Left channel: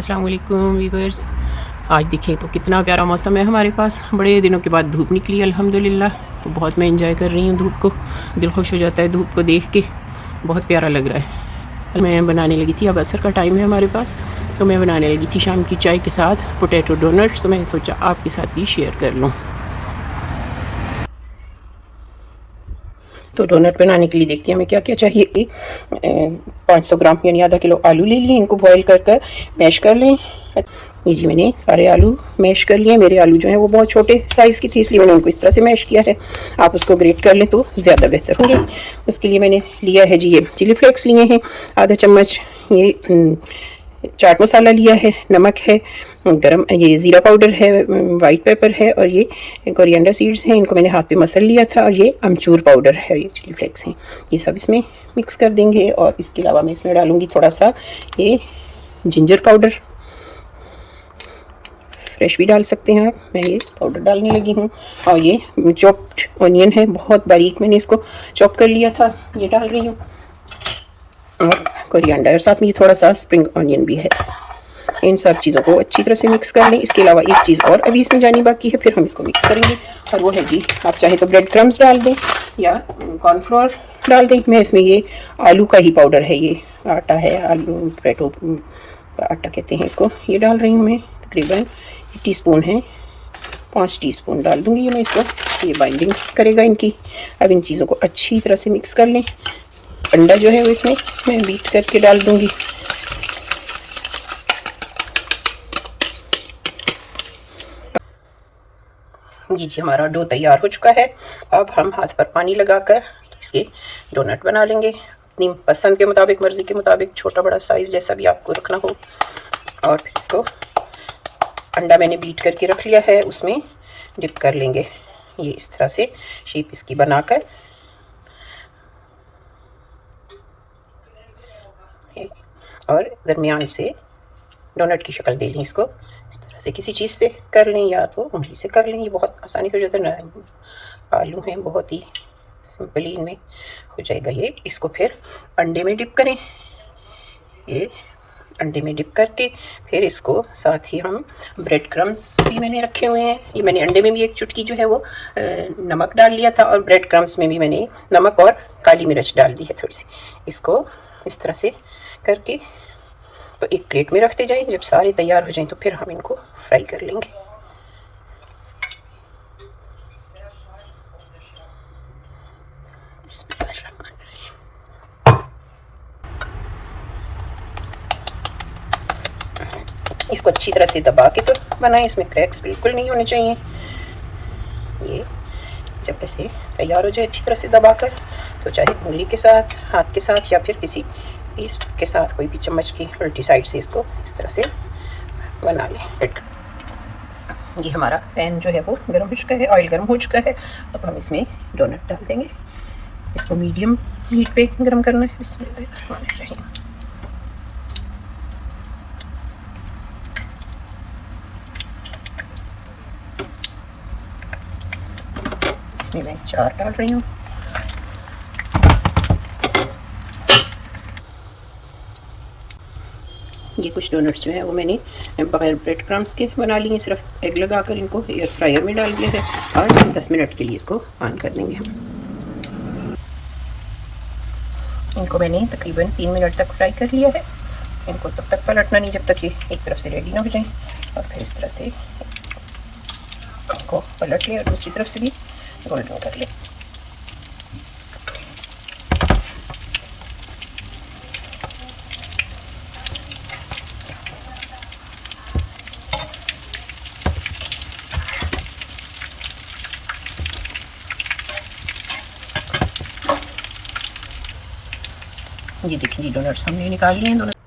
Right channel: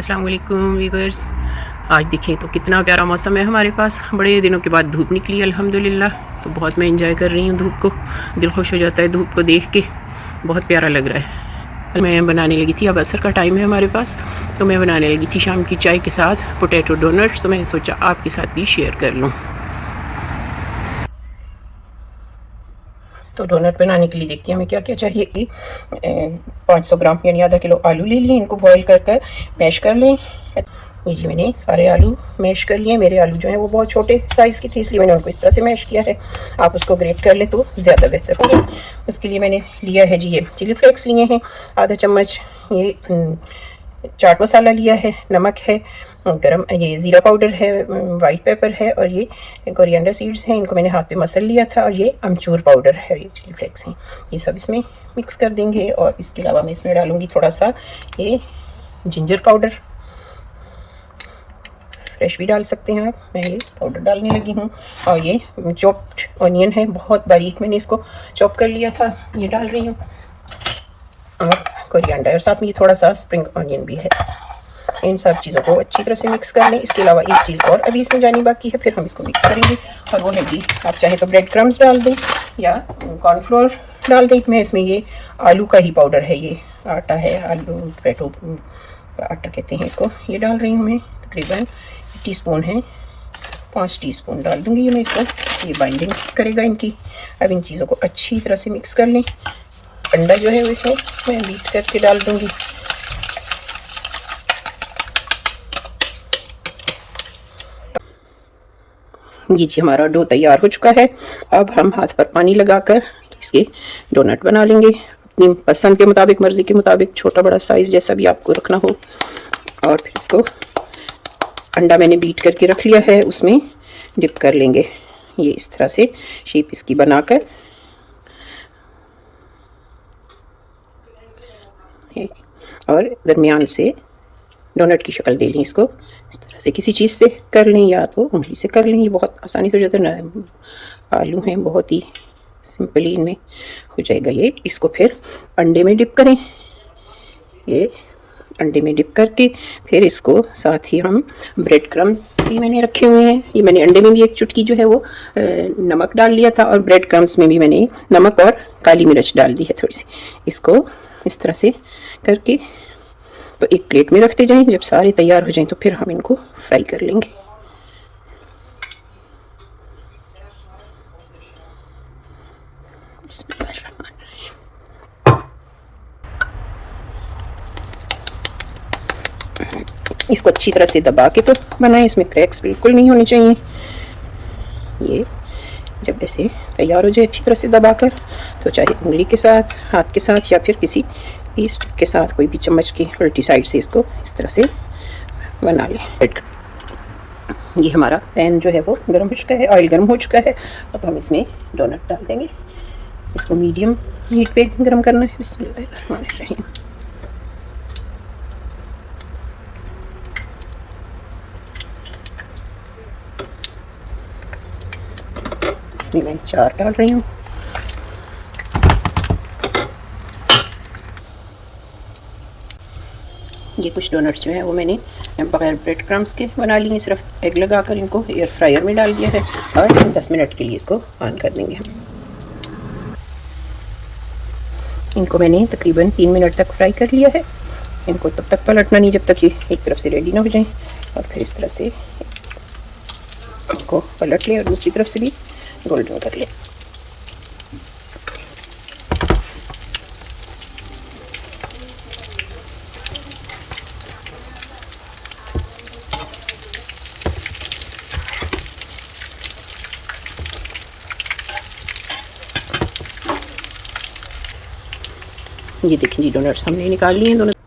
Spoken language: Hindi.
अस्सलाम वालेकुम वीवर्स। आज देखें तो कितना प्यारा मौसम है हमारे पास। बड़े दिनों के बाद धूप निकली अल्हम्दुलिल्लाह, तो बहुत मैं इंजॉय कर रही हूँ धूप को। दिल खुश हो जाता है धूप को देख के, बहुत प्यारा लग रहा है। मैं बनाने लगी थी, अब असर का टाइम है हमारे पास, तो मैं बनाने लगी थी शाम की चाय के साथ पोटैटो डोनट्स। तो मैंने सोचा आपके साथ भी शेयर कर लूँ। तो डोनट बनाने के लिए देखते हैं हमें क्या क्या चाहिए। 500 ग्राम यानी आधा किलो आलू ले लिए, इनको बॉईल कर कर मैश कर लें। ये जी मैंने सारे आलू मैश कर लिए। मेरे आलू जो है वो बहुत छोटे साइज़ की थी, इसलिए मैंने उनको इस तरह से मैश किया है। आप उसको ग्रेट कर लें तो ज़्यादा बेहतर होगी। उसके लिए मैंने लिया है जी ये चिली फ्लेक्स लिए हैं आधा चम्मच, ये चाट मसाला लिया है, नमक है, गरम ये ज़ीरा पाउडर है, वाइट पेपर है, और ये कोरिएंडर सीड्स हैं, इनको मैंने हाथ पे मसल लिया था, और ये अमचूर पाउडर है, ये चिली फ्लेक्स हैं। ये सब इसमें मिक्स कर देंगे। और इसके अलावा मैं इसमें डालूँगी थोड़ा सा ये जिंजर पाउडर, फ्रेश भी डाल सकते हैं आप, मैं ये पाउडर डालने लगी हूँ। और ये चॉप्ड ऑनियन है, बहुत बारीक मैंने इसको चॉप कर लिया था, ये डाल रही हूँ। और कोरिएंडर, साथ में ये थोड़ा सा स्प्रिंग ऑनियन भी है। इन सब चीज़ों को अच्छी तरह से मिक्स कर लें। इसके अलावा एक चीज़ और अभी इसमें जानी बाकी है, फिर हम इसको मिक्स करेंगे, और वो है जी, आप चाहे तो ब्रेड क्रम्स डाल दें या कॉर्नफ्लोर डाल दें। मैं इसमें ये आलू का ही पाउडर है, ये आटा है, आलू पोटैटो आटा कहते हैं इसको, ये डाल रही हूँ मैं। तकरीबन टीस्पून है, 5 टीस्पून डाल दूँगी मैं इसको, ये बाइंडिंग करेगा इनकी। अब इन चीज़ों को अच्छी तरह से मिक्स कर लें। अंडा जो है वो इसमें मैं बीट करके डाल दूँगी। ये जी हमारा डो तैयार हो चुका है। अब हम हाथ पर पानी लगाकर इसके डोनट बना लेंगे, अपनी पसंद के मुताबिक, मर्ज़ी के मुताबिक, छोटा बड़ा साइज़ जैसा भी आपको रखना हो। और फिर इसको अंडा मैंने बीट करके रख लिया है, उसमें डिप कर लेंगे। ये इस तरह से शेप इसकी बनाकर, और दरमियान से डोनट की शक्ल दे लें इसको। इस तरह से किसी चीज़ से कर लें, या तो उंगली से कर लें, ये बहुत आसानी से हो जाता है। नरम आलू हैं, बहुत ही सिंपली इनमें हो जाएगा ये। इसको फिर अंडे में डिप करें, ये अंडे में डिप करके फिर इसको साथ ही हम ब्रेड क्रम्स भी मैंने रखे हुए हैं। ये मैंने अंडे में भी एक चुटकी जो है वो नमक डाल लिया था, और ब्रेड क्रम्स में भी मैंने नमक और काली मिर्च डाल दी है थोड़ी सी। इसको इस तरह से करके तो एक प्लेट में रखते जाएं। जब सारे तैयार हो जाएं तो फिर हम इनको फ्राई कर लेंगे। इसको अच्छी तरह से दबा के तो बनाएं, इसमें क्रैक्स बिल्कुल नहीं होने चाहिए। ये जब ऐसे तैयार हो जाए अच्छी तरह से दबाकर, तो चाहे उंगली के साथ, हाथ के साथ, या फिर किसी पीस के साथ, कोई भी चम्मच की उल्टी साइड से इसको इस तरह से बना लें। ये हमारा पैन जो है वो गर्म हो चुका है, ऑयल गर्म हो चुका है। अब हम इसमें डोनट डाल देंगे। इसको मीडियम हीट पे गर्म करना है। बिस्मिल्लाह। इसमें मैं 4 डाल रही हूँ। ये कुछ डोनट्स जो है वो मैंने बगैर ब्रेड क्रम्स के बना लिए, सिर्फ एग लगाकर इनको एयर फ्रायर में डाल दिया है, और 10 मिनट के लिए इसको ऑन कर देंगे हम। इनको मैंने तकरीबन 3 मिनट तक फ्राई कर लिया है। इनको तब तक पलटना नहीं जब तक ये एक तरफ से रेडी ना हो जाए, और फिर इस तरह से इनको पलट ले और दूसरी तरफ से भी गोल्डन कर ले। ये देखिए जी, डोनट्स हमने निकाल लिए हैं दोनों।